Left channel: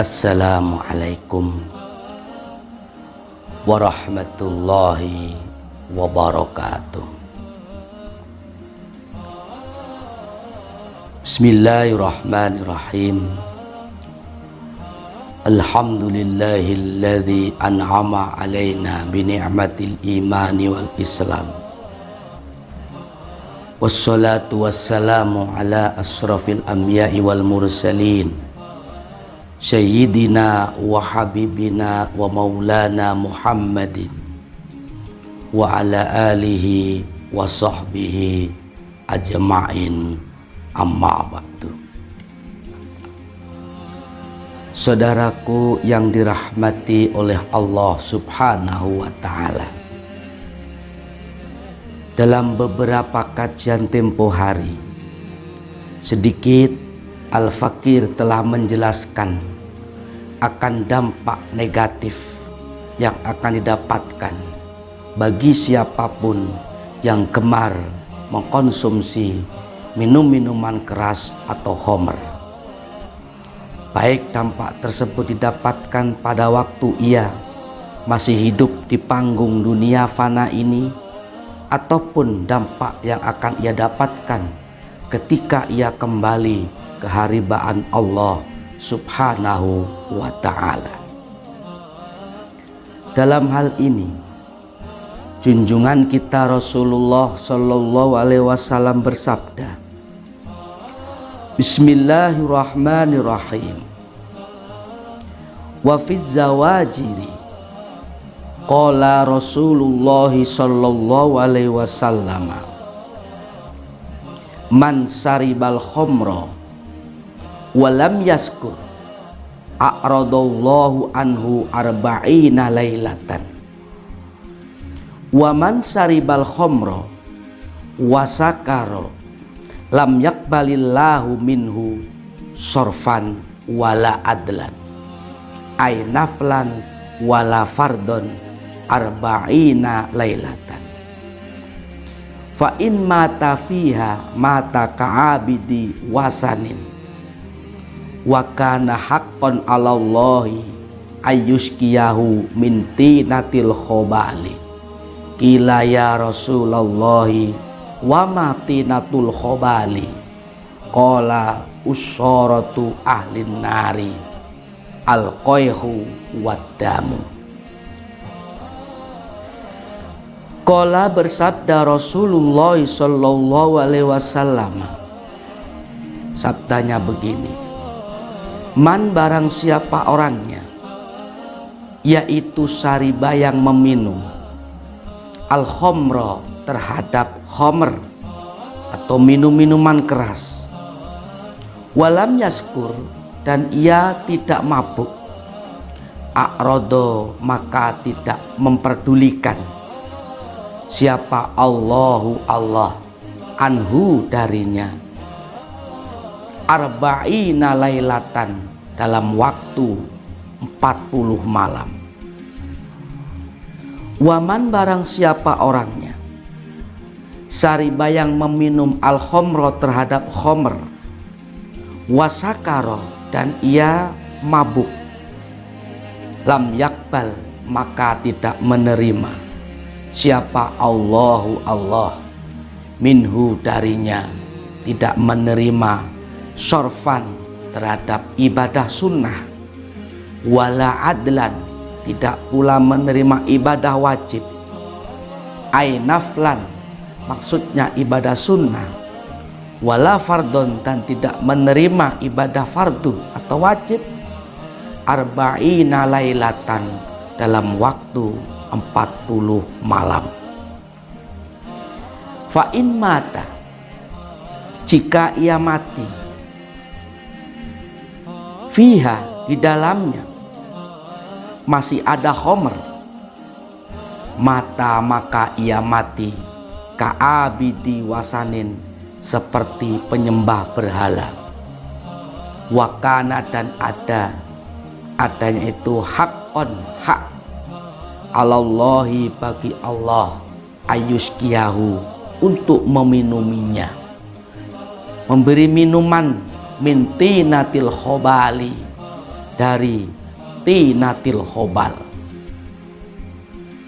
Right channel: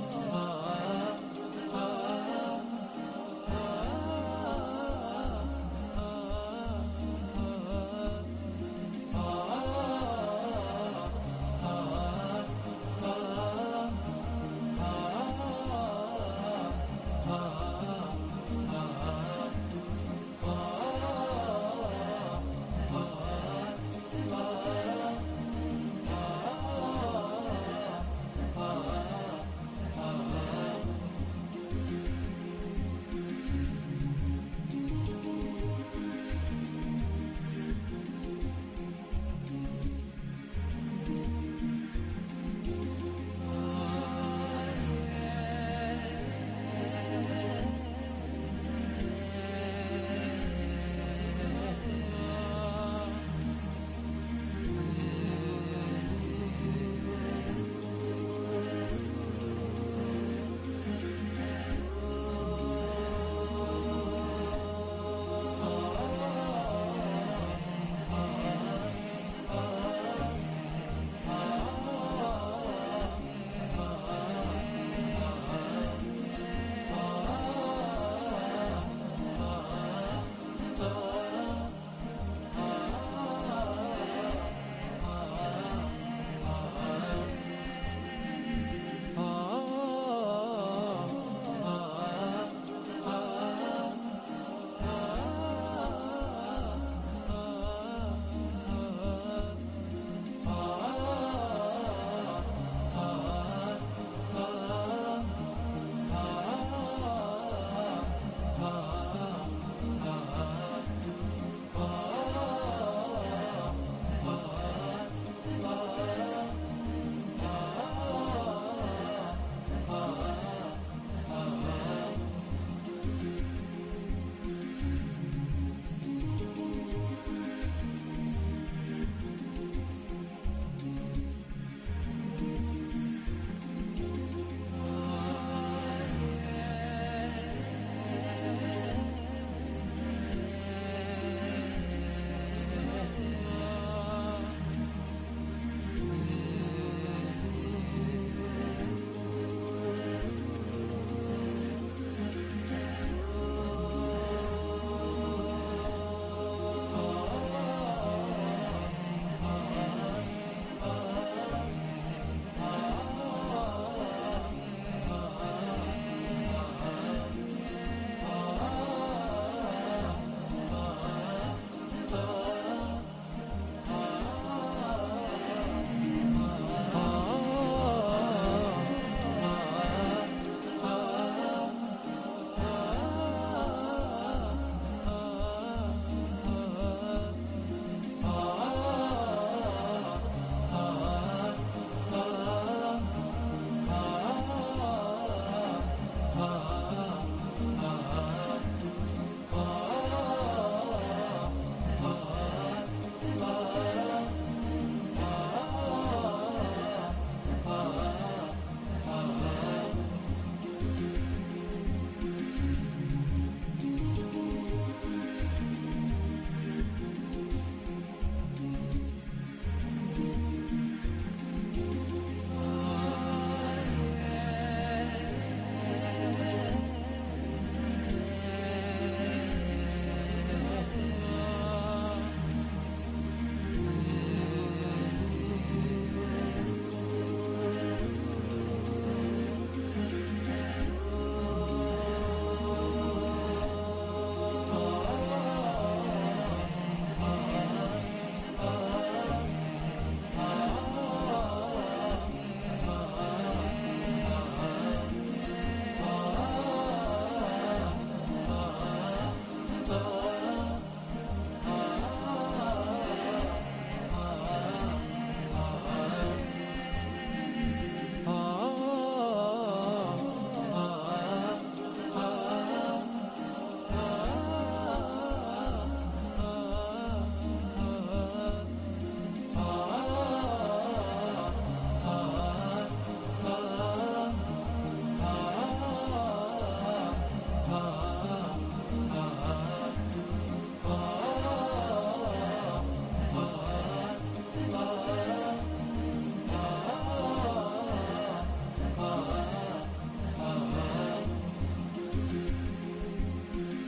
Assalamualaikum warahmatullahi wabarakatuh. Bismillahirrahmanirrahim. Alhamdulillahilladzi an'ama alaina bi ni'matil imani wal islam. Wassalatu wassalamu ala asrafil anbiya'i wal mursalin, Sayyidina wa habibina wa maulana Muhammadin wa ala alihi wa sahbihi ajma'in, amma ba'du. Saudaraku yang dirahmati oleh Allah Subhanahu wa ta'ala, dalam beberapa kajian tempo hari, sedikit Al-Fakir telah menjelaskan akan dampak negatif yang akan didapatkan bagi siapapun yang gemar mengkonsumsi minuman keras atau khamr. Baik dampak tersebut didapatkan pada waktu ia masih hidup di panggung dunia fana ini, ataupun dampak yang akan ia dapatkan ketika ia kembali ke haribaan Allah Subhanahu wa ta'ala. Dalam hal ini, junjungan kita Rasulullah Shallallahu Alaihi Wasallam bersabda, Bismillahirrahmanirrahim. Wa fiz zawajiri qala Rasulullah Shallallahu Alaihi Wasallam, man saribal khamra walam yaskur a'radallahu anhu arba'ina lailatan, wa man saribal khamra wasakaro lam yakbalillahu minhu sorfan wala adlan ay naflan wala fardon arba'ina lailatan, fa in mata fiha mata ka'abidi wasanin, wa kana haqqan 'alallahi ayyuskiyahu min tinatil khobali. Qila ya Rasulullahi wa ma tinatul khobali? Qala usharatu ahlin nari al-qayhu wad-damu. Qala bersabda Rasulullah Sallallahu Alaihi Wasallam, sabdanya begini, man barang siapa orangnya, yaitu sariba yang meminum al-khamra terhadap khamr atau minuman keras, walam yaskur dan ia tidak mabuk, a'rodo maka tidak memperdulikan siapa Allah anhu darinya, arba'ina lailatan dalam waktu 40 malam. Waman barang siapa orangnya sariba yang meminum al-khamra terhadap khamr, wasakaro dan ia mabuk, lam yakbal maka tidak menerima siapa Allah minhu darinya, tidak menerima sorfan terhadap ibadah sunnah, wala adlan tidak pula menerima ibadah wajib, ay naflan maksudnya ibadah sunnah, wala fardon dan tidak menerima ibadah fardu atau wajib, arba'ina lailatan dalam waktu 40 malam. Fa in mata jika ia mati, fiha di dalamnya masih ada khamr, maka ia mati ka'abidi wasanin seperti penyembah berhala, wakana dan adanya itu hakon hak, alallahi bagi Allah, ayuskiyahu untuk meminuminya, memberi minuman mintinatil khobali dari tinatil khobal.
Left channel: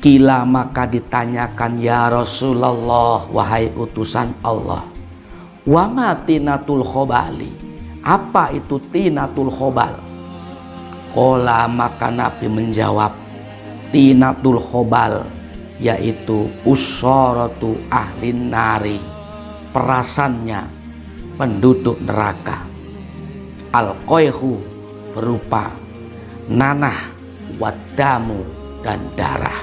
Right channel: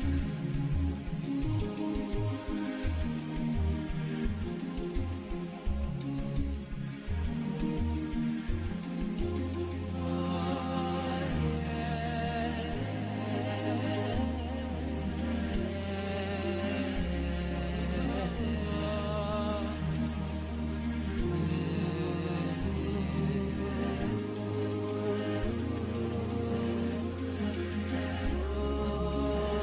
Kila maka ditanyakan, ya Rasulullah, wahai utusan Allah, wa ma tinatul khobali, apa itu tinatul khobal? Qala maka Nabi menjawab, tinatul khobal yaitu usharatu ahlin nari, perasannya penduduk neraka. Al-qayhu berupa nanah, wadamu dan darah.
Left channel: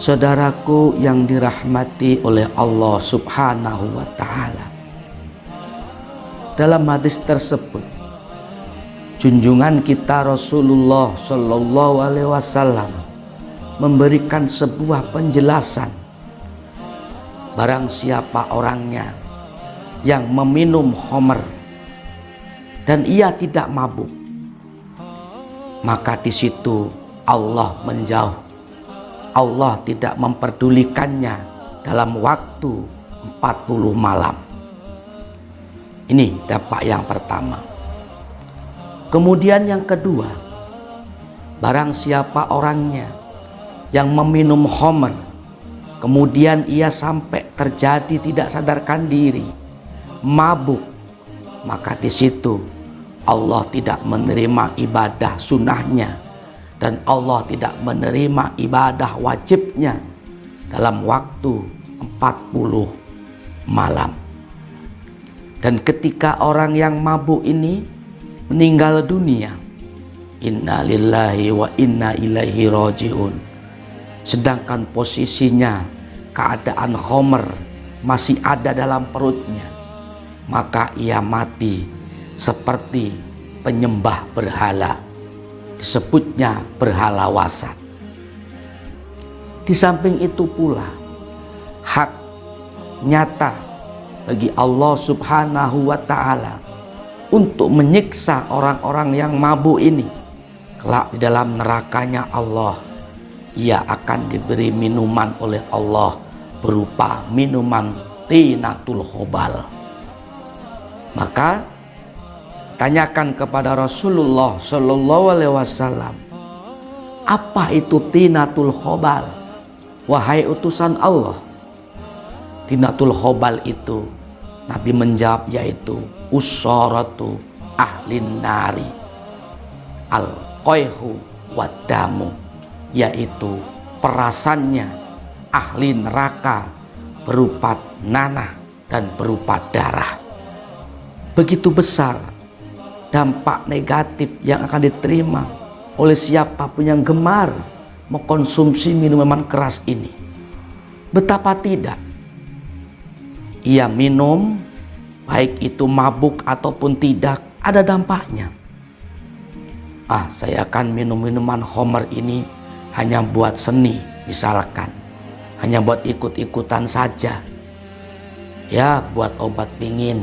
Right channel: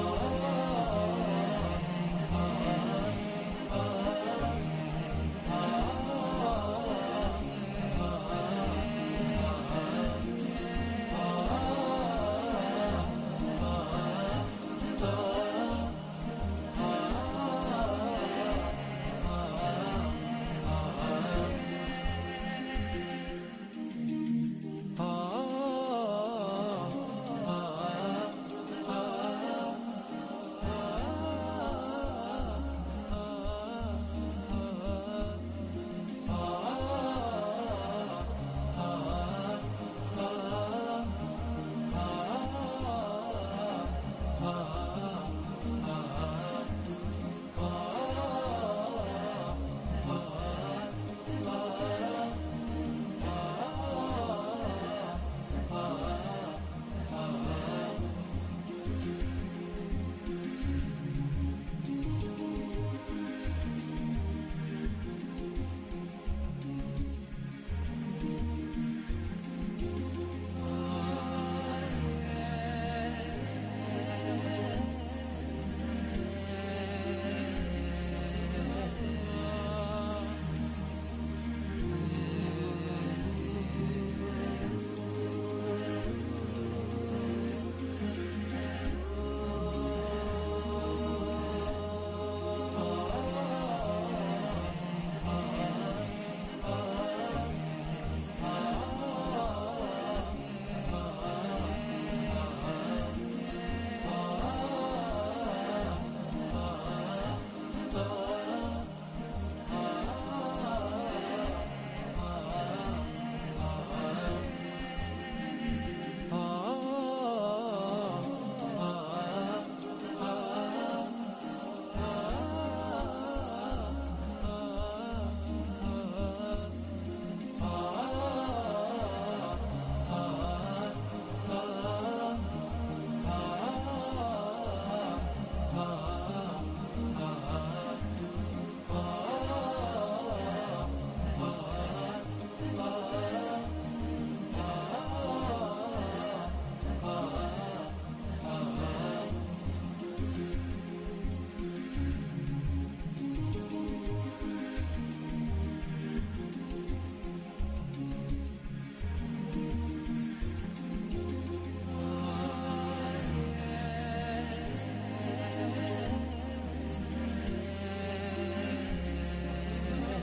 Saudaraku yang dirahmati oleh Allah Subhanahu wa ta'ala, dalam hadis tersebut junjungan kita Rasulullah Shallallahu Alaihi Wasallam memberikan sebuah penjelasan. Barang siapa orangnya yang meminum khamr dan ia tidak mabuk, maka di situ Allah menjauh. Allah tidak memperdulikannya dalam waktu 40 malam. Ini dampak yang pertama. Kemudian yang kedua, barang siapa orangnya yang meminum khamr, kemudian ia sampai terjadi tidak sadarkan diri, mabuk, maka di situ Allah tidak menerima ibadah sunnahnya dan Allah tidak menerima ibadah wajibnya dalam waktu 40 malam. Dan ketika orang yang mabuk ini meninggal dunia, inna lillahi wa inna ilaihi rajiun, sedangkan posisinya keadaan khamr masih ada dalam perutnya, maka ia mati seperti penyembah berhala, disebutnya berhala wasat. Di samping itu pula hak nyata bagi Allah Subhanahu wa ta'ala untuk menyiksa orang-orang yang mabuk ini. Kelak di dalam nerakanya Allah, ia akan diberi minuman oleh Allah berupa minuman tinatul khobal. Maka tanyakan kepada Rasulullah Shallallahu Alaihi Wasallam, apa itu tinatul khobal, wahai utusan Allah? Tinatul khobal itu, Nabi menjawab, yaitu usharatu ahlin nari, al-qayhu wadamu, yaitu perasannya ahli neraka berupa nanah dan berupa darah. Begitu besar dampak negatif yang akan diterima oleh siapapun yang gemar mengkonsumsi minuman keras ini. Betapa tidak, ia minum, baik itu mabuk ataupun tidak, ada dampaknya. Saya akan minum minuman khamr ini hanya buat seni, misalkan, hanya buat ikut-ikutan saja, ya buat obat pingin,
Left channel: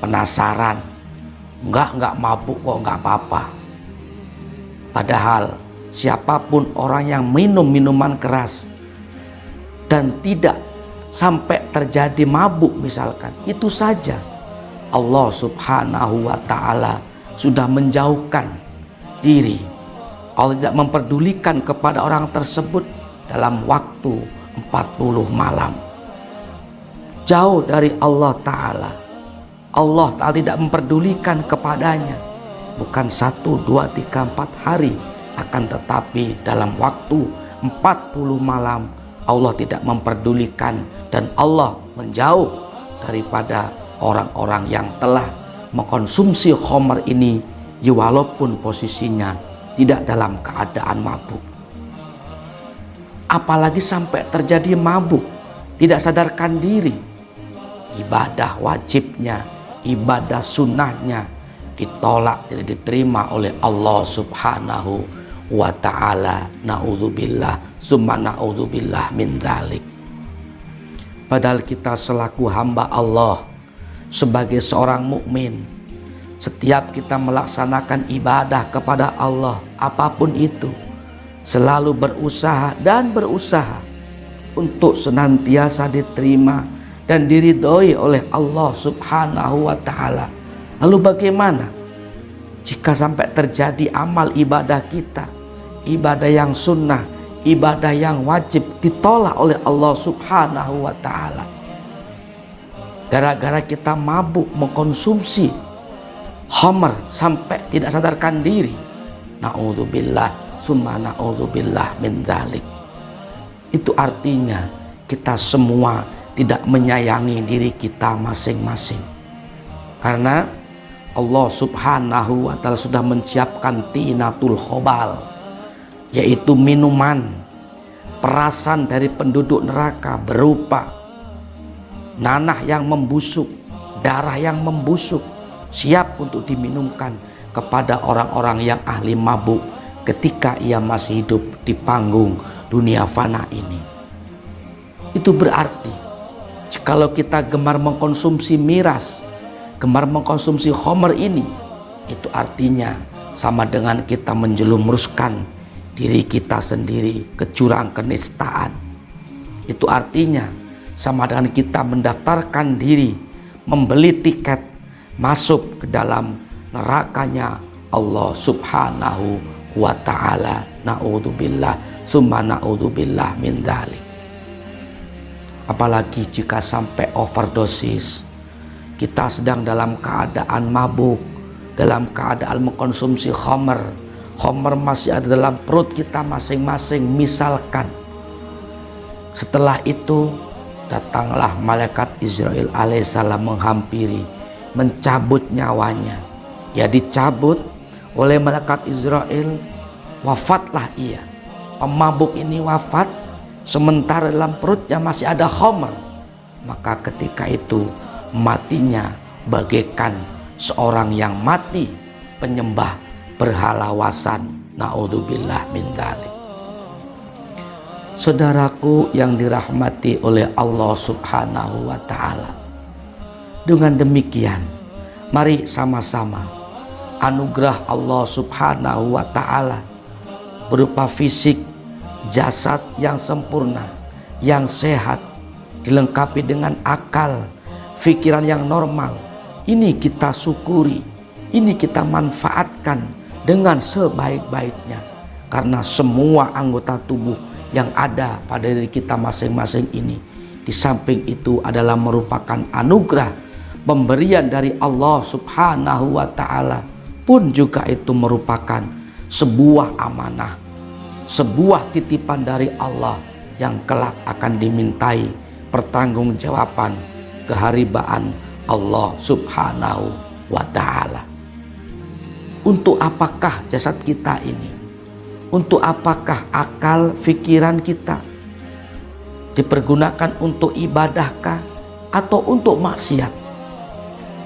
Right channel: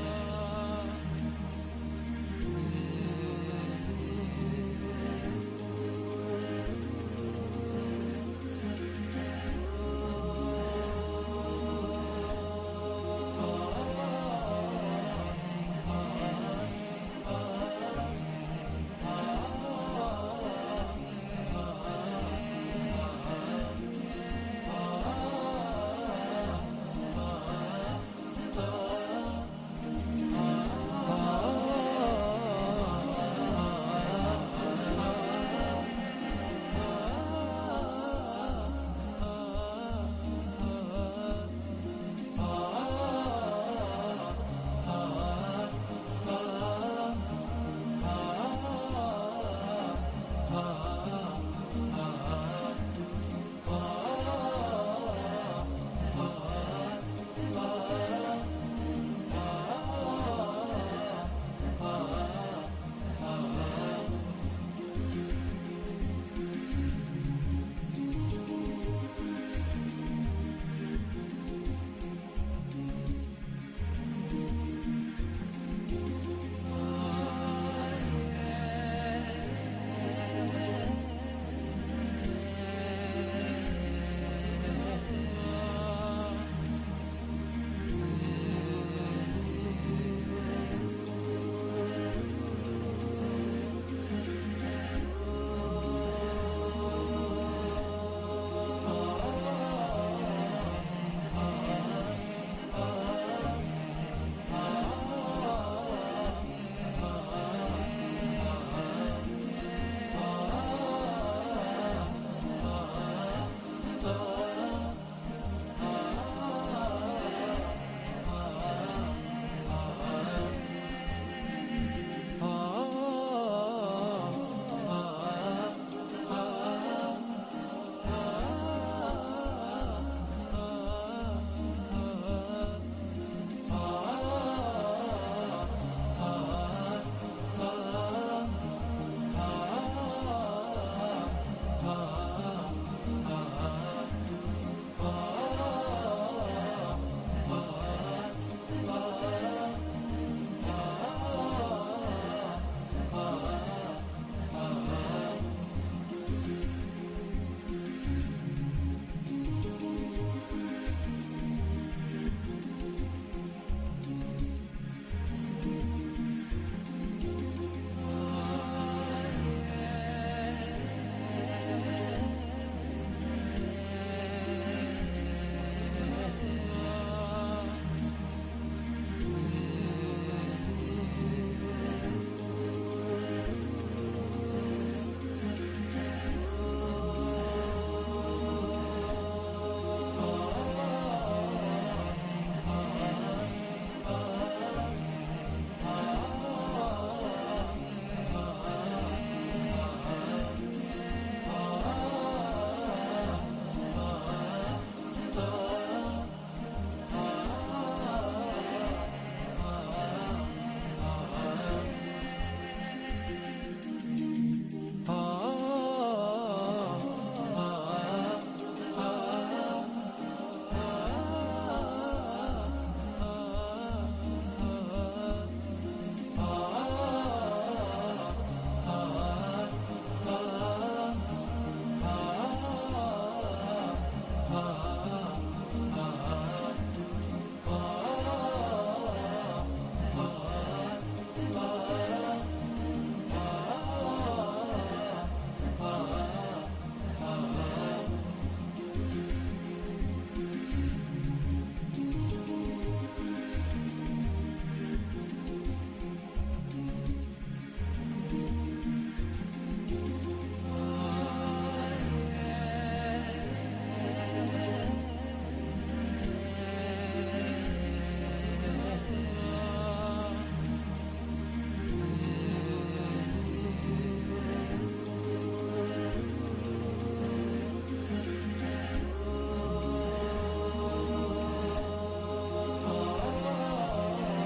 penasaran, enggak mabuk kok, enggak apa-apa. Padahal siapapun orang yang minum minuman keras dan tidak sampai terjadi mabuk misalkan, itu saja Allah Subhanahu wa ta'ala sudah menjauhkan diri. Allah tidak memperdulikan kepada orang tersebut dalam waktu 40 malam. Jauh dari Allah ta'ala. Allah ta'ala tidak memperdulikan kepadanya, bukan 1, 2, 3, 4 hari, akan tetapi dalam waktu 40 malam Allah tidak memperdulikan, dan Allah menjauh daripada orang-orang yang telah mengkonsumsi khamr ini, walaupun posisinya tidak dalam keadaan mabuk. Apalagi sampai terjadi mabuk, tidak sadarkan diri, ibadah wajibnya, ibadah sunnahnya ditolak, tidak diterima oleh Allah Subhanahu wa ta'ala. Na'udzubillah, summa na'udzubillah min dzalik. Padahal kita selaku hamba Allah, sebagai seorang mukmin, setiap kita melaksanakan ibadah kepada Allah apapun itu, selalu berusaha untuk senantiasa diterima dan diridhoi oleh Allah Subhanahu wa ta'ala. Lalu bagaimana Jika sampai terjadi amal ibadah kita, ibadah yang sunnah, ibadah yang wajib ditolak oleh Allah Subhanahu wa ta'ala, gara-gara kita mabuk mengkonsumsi khamr sampai tidak sadarkan diri, na'udzubillah summa na'udzubillah min dzalik. Itu artinya kita semua tidak menyayangi diri kita masing-masing, karena Allah Subhanahu wa ta'ala sudah menyiapkan tinatul khobal, yaitu minuman perasan dari penduduk neraka berupa nanah yang membusuk, darah yang membusuk, siap untuk diminumkan kepada orang-orang yang ahli mabuk ketika ia masih hidup di panggung dunia fana ini. Itu berarti jikalau kita gemar mengkonsumsi miras, gemar mengkonsumsi khamr ini, itu artinya sama dengan kita menjelumuskan diri kita sendiri ke jurang kenistaan. Itu artinya sama dengan kita mendaftarkan diri, membeli tiket masuk ke dalam nerakanya Allah Subhanahu wa ta'ala. Na'udzubillah summa na'udzubillah min dzalik. Apalagi jika sampai overdosis, kita sedang dalam keadaan mabuk, dalam keadaan mengkonsumsi khamr. Khamr masih ada dalam perut kita masing-masing. Misalkan setelah itu datanglah malaikat Israel alaihissalam menghampiri, mencabut nyawanya. Ya, dicabut oleh malaikat Israel, wafatlah ia. Pemabuk ini wafat, sementara dalam perutnya masih ada khamr. Maka ketika itu matinya bagaikan seorang yang mati penyembah berhala wasan. Na'udzubillah min dzalik. Saudaraku yang dirahmati oleh Allah Subhanahu wa ta'ala, dengan demikian mari sama-sama anugerah Allah Subhanahu wa ta'ala berupa fisik, jasad yang sempurna, yang sehat, dilengkapi dengan akal, pikiran yang normal. Ini kita syukuri, ini kita manfaatkan dengan sebaik-baiknya, karena semua anggota tubuh yang ada pada diri kita masing-masing ini, di samping itu adalah merupakan anugerah pemberian dari Allah Subhanahu wa ta'ala, pun juga itu merupakan sebuah amanah, sebuah titipan dari Allah yang kelak akan dimintai pertanggungjawaban keharibaan Allah Subhanahu wa ta'ala. Untuk apakah jasad kita ini? Untuk apakah akal pikiran kita? Dipergunakan untuk ibadahkah atau untuk maksiat?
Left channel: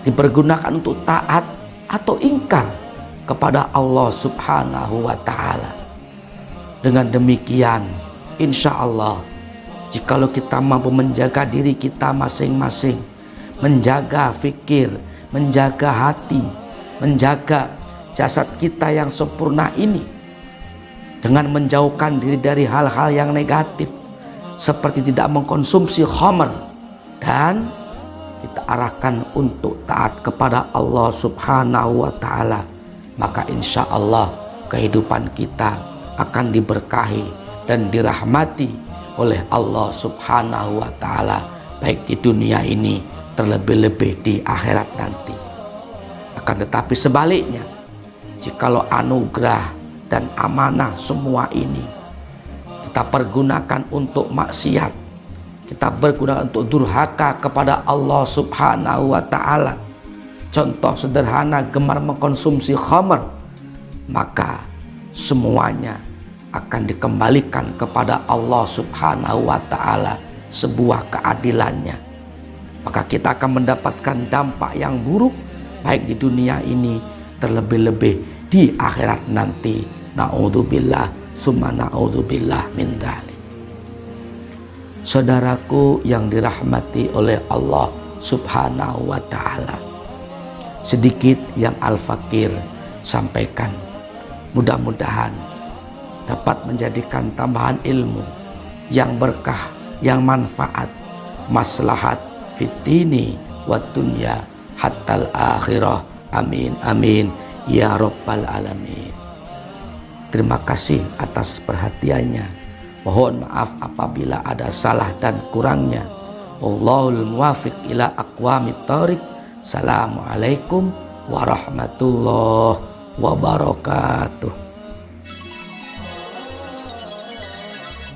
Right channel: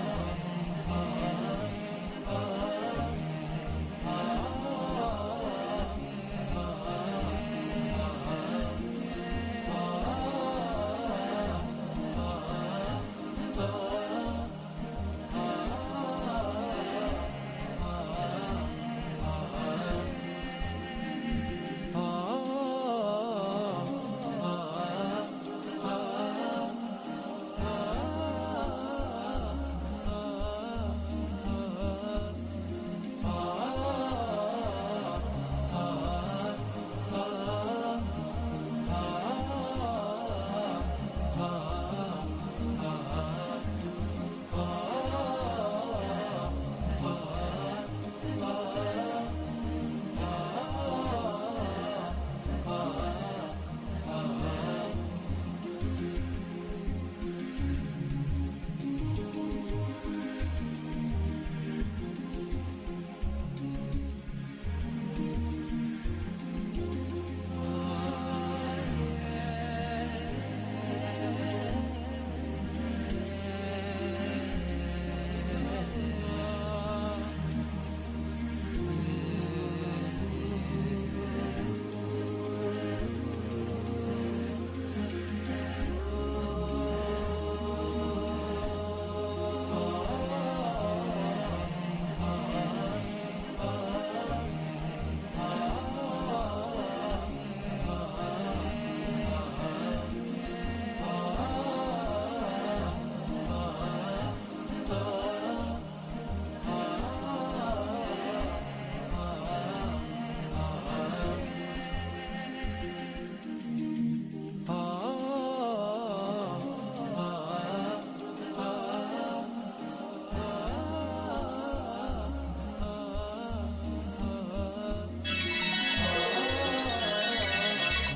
Dipergunakan untuk taat atau ingkar kepada Allah Subhanahu wa ta'ala? Dengan demikian, insya Allah, jikalau kita mampu menjaga diri kita masing-masing, menjaga fikir, menjaga hati, menjaga jasad kita yang sempurna ini, dengan menjauhkan diri dari hal-hal yang negatif seperti tidak mengkonsumsi khamr, dan kita arahkan untuk taat kepada Allah Subhanahu wa ta'ala, maka insya Allah kehidupan kita akan diberkahi dan dirahmati oleh Allah Subhanahu wa ta'ala, baik di dunia ini terlebih-lebih di akhirat nanti. Akan tetapi sebaliknya, jikalau anugerah dan amanah semua ini kita pergunakan untuk maksiat, kita pergunakan untuk durhaka kepada Allah Subhanahu wa ta'ala, contoh sederhana gemar mengkonsumsi khamr, maka semuanya akan dikembalikan kepada Allah Subhanahu wa ta'ala sebuah keadilannya. Maka kita akan mendapatkan dampak yang buruk baik di dunia ini terlebih-lebih di akhirat nanti. Na'udzubillah summa na'udzubillah min dzalik. Saudaraku yang dirahmati oleh Allah Subhanahu wa ta'ala, sedikit yang Al-Fakir sampaikan, mudah-mudahan dapat menjadikan tambahan ilmu yang berkah, yang manfaat, maslahat fitini wa dunya hatal akhirah. Amin amin ya Rabbal Alamin. Terima kasih atas perhatiannya. Mohon maaf apabila ada salah dan kurangnya. Wallahul muwaffiq ila aqwamit thoriq. Assalamualaikum warahmatullahi wabarakatuh.